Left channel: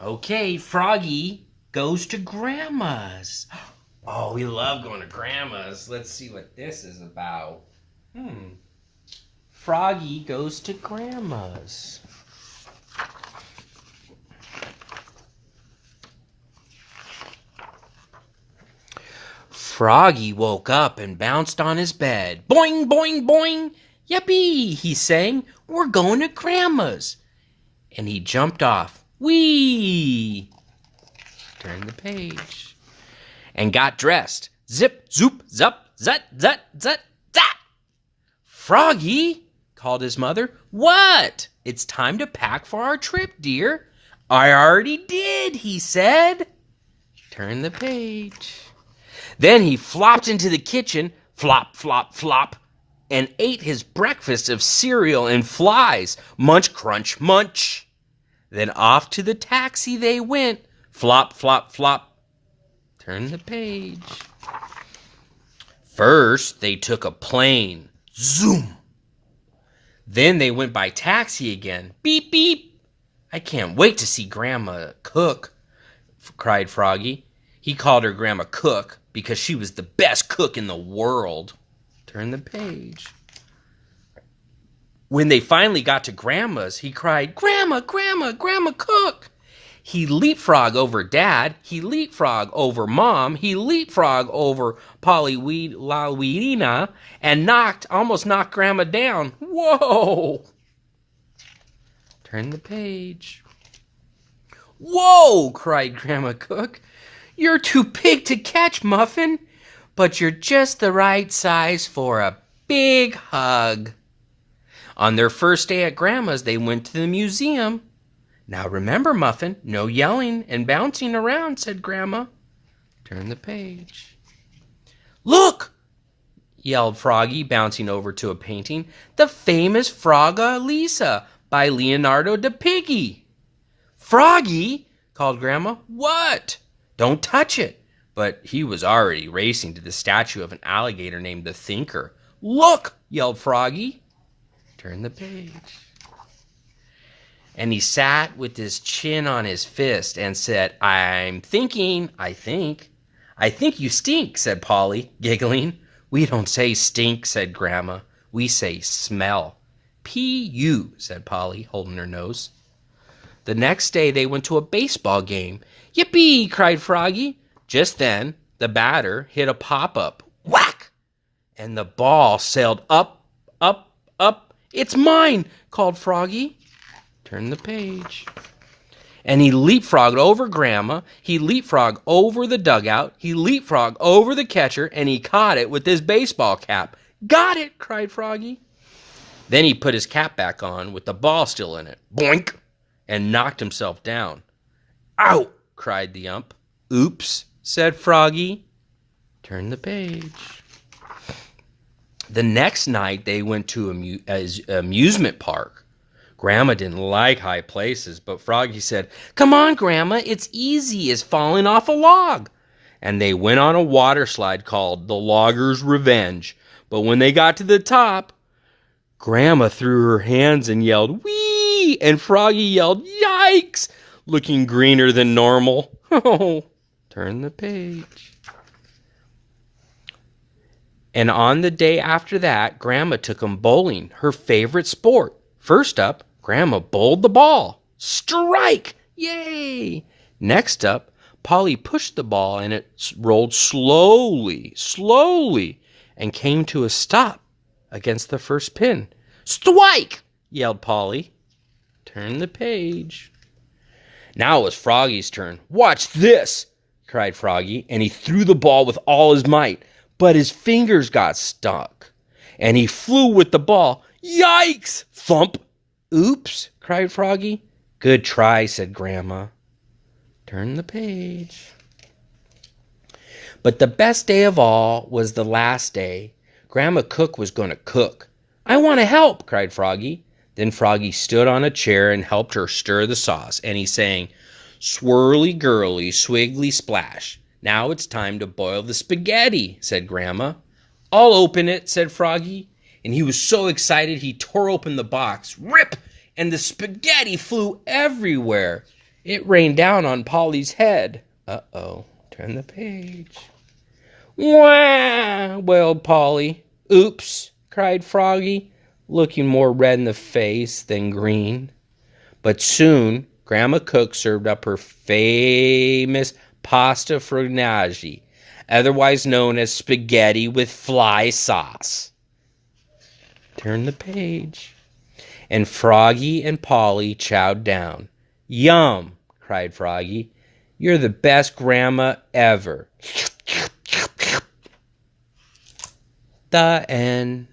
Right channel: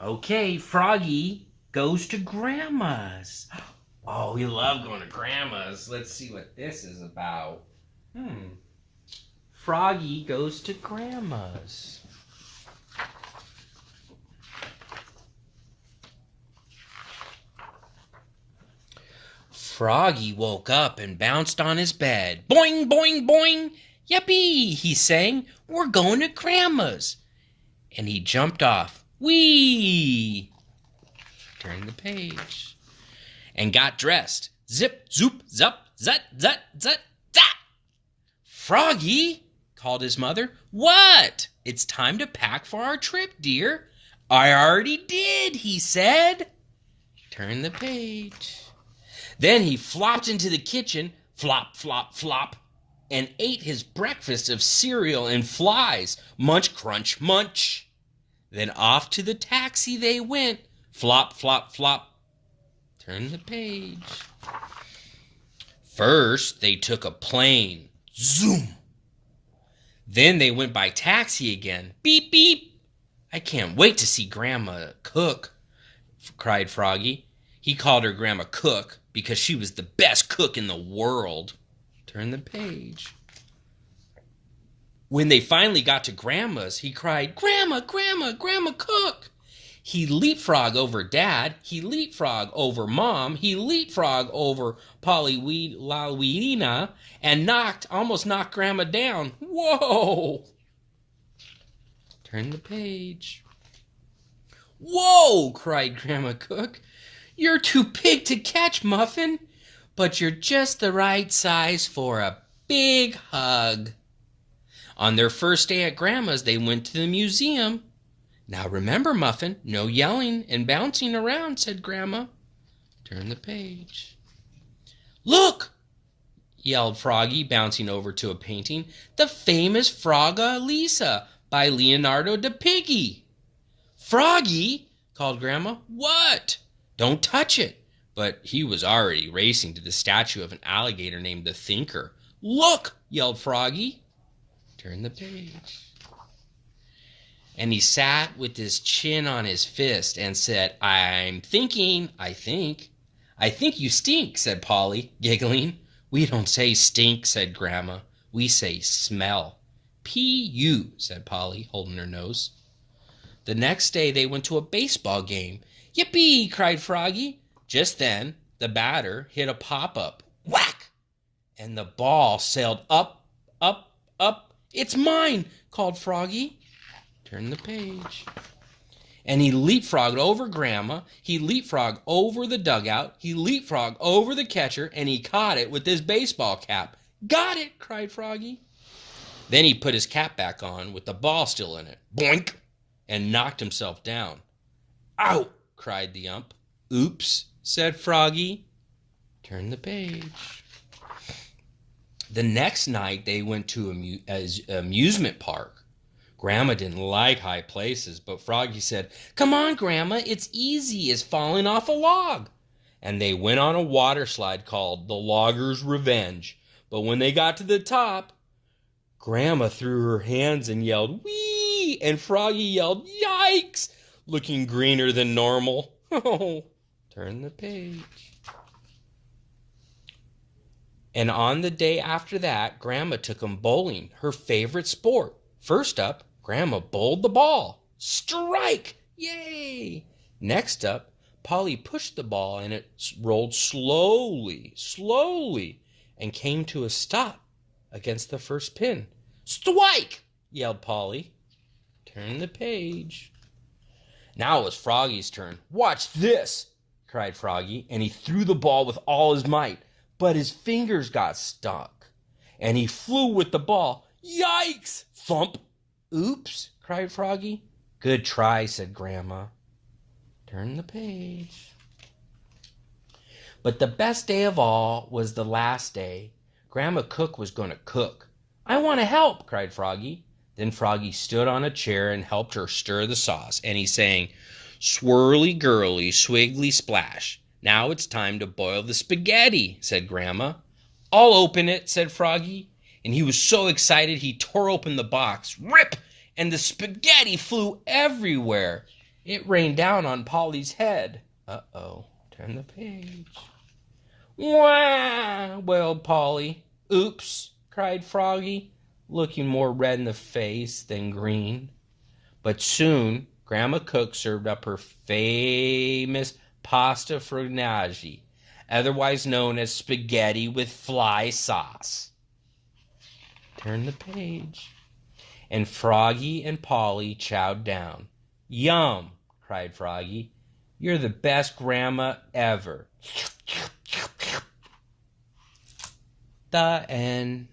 Okay, Froggy goes to Grandma's. Oh, we love going to Grandma's. Let's see what this is about. Froggy goes to Grandma's. Froggy woke up and bounced on his bed. Boing, boing, boing. Yippee, he sang. We're going to Grandma's. And he jumped off. Whee! Turn the page. And got dressed. Zip, zoop, zup, zut, zut, zut, zat. Froggy, called his mother. What? It's time to pack for our trip, dear. I already did, he said. Turn the page. Then he flopped into the kitchen, flop, flop, flop, and ate his breakfast of cereal and flies. Munch, crunch, munch. Then off to the taxi they went. Flop, flop, flop. Turn the page. First, they took a plane. Zoom. Then they went by taxi again. Beep, beep. I can't wait to see Grandma cook, cried Froggy. He called her Grandma Cook because she was the best cook in the world. Turn the page. When they finally got to Grandma's, he cried, Grandma, Grandma, Grandma Cook. He leapfrogged over Dad. He leapfrogged over Mom. He leapfrogged over Polly and almost knocked Grandma down. Whoa! Turn the page. Whoa! Cried Grandma Cook. You're too big to catch, Muffin, but you're just the right size for a big hug. On their first day at Grandma's, they went to the museum. Now remember, Muffin, no yelling and bouncing around, said Grandma. Turn the page. Look, yelled Froggy, bouncing over to a painting. The famous Frogga Lisa by Leonardo da Piggy. Froggy, called Grandma. What? Don't touch it. But he was already racing to the statue of an alligator named the Thinker. Look, yelled Froggy. Turn the page. And he sat with his chin on his fist and said, I'm thinking, I think. I think you stink, said Polly, giggling. We don't say stink, said Grandma. We say smell. P-U, said Polly, holding her nose. The next day they went to a baseball game. Yippee, cried Froggy. Just then, the batter hit a pop-up. Whack! And the ball sailed up, up, up. It's mine, called Froggy. Turn the page. And he leapfrogged over Grandma. He leapfrogged over the dugout. He leapfrogged over the catcher, and he caught it with his baseball cap. Got it, cried Froggy. Then he put his cap back on with the ball still in it. Boink! And knocked himself down. Out! Cried the ump. Oops, said Froggy. Turn the page. The next night they went to an amusement park. Grandma didn't like high places, but Froggy said, Come on, Grandma, it's easy as falling off a log. And they went on a water slide called the Logger's Revenge. But when they got to the top, Grandma threw her hands and yelled, Whee! And Froggy yelled, Yikes! Looking greener than normal. Oh, turn the page. And on the day after that, Grandma took them bowling, her favorite sport. First up, Grandma bowled the ball. Strike! Yay! Next up, Polly pushed the ball and it rolled slowly, and came to a stop against the first pin. Strike! Yelled Polly. Turn the page. Now it was Froggy's turn. Watch this! Cried Froggy, and he threw the ball with all his might, but his fingers got stuck, and he flew with the ball. Yikes! Thump! Oops, cried Froggy. Good try, said Grandma. Turn the page. But the best day of all was the last day. Grandma Cook was going to cook. I want to help, cried Froggy. Then Froggy stood on a chair and helped her stir the sauce, and he sang, Swirly girly, swiggly splash. Now it's time to boil the spaghetti, said Grandma. I'll open it, said Froggy. And he was so excited he tore open the box. Rip! And the spaghetti flew everywhere. It rained down on Polly's head. Uh-oh. Turn the page. Wah! Wailed Polly. Oops, cried Froggy, looking more red in the face than green. But soon Grandma Cook served up her famous pasta formaggio, otherwise known as spaghetti with fly sauce. Turn the page. And Froggy and Polly chowed down. Yum, cried Froggy. You're the best grandma ever. The end.